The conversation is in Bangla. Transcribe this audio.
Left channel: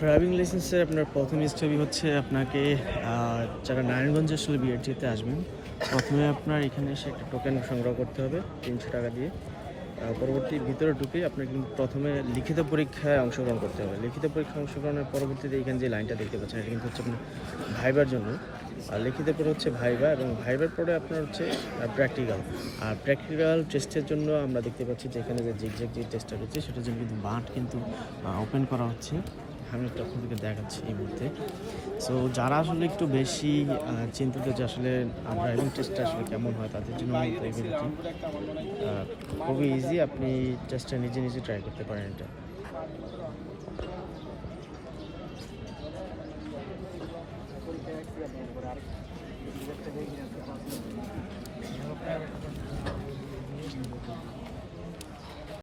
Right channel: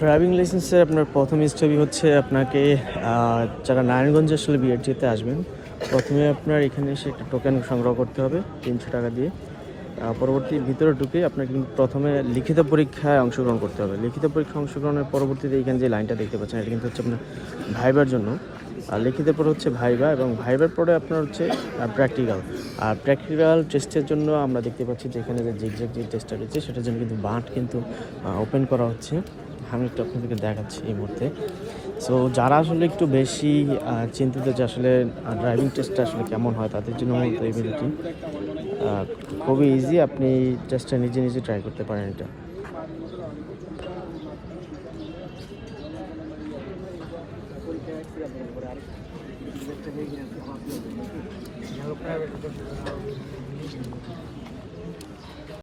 ড্রাইভিং লাইসেন্সের আপনার প্রথম স্টেপই হচ্ছে আপনাকে যারা নারায়ণগঞ্জে আসলে বিআরটিতে আসবেন, প্রথমে আপনার এখানে এসে একটা টোকেন সংগ্রহ করতে হবে, তিনশো টাকা দিয়ে। পরবর্তী ভিতরে ঢুকে আপনাকে প্রথমে লিখিত পরীক্ষায় অংশগ্রহণ করতে হবে। লিখিত পরীক্ষা অংশগ্রহণের পরবর্তীতে এখানে যে লাইনটা দেখতে পাচ্ছেন, এটা কিন্তু হচ্ছে আপনার ভাইবার জন্য। আর লিখিত পরে হচ্ছে ভাইবা এবং ভাইবার পরে আপনার হচ্ছে প্র্যাকটিক্যাল আর প্র্যাকটিক্যাল টেস্টের জন্য আমরা দেখতে পাচ্ছি যে এখানে যে জিগজ্যাগ যে টেস্টটা রয়েছে, সেটার জন্য কিন্তু বাঁট কিন্তু ওপেন করা হচ্ছে। আমি একটু আপনাদেরকে দেখাচ্ছি এই মুহূর্তে। সো যারা আসলে একটু বেশি চিন্তিত যে আসলে ড্রাইভিং টেস্টটা আসলে কেমন হয়, তাদের জন্য মূলত এই ভিডিওটি খুবই ইজি আপনি টেস্টটা নিজে নিজে ট্রাই করতে পারেন এটা। প্রাইভেট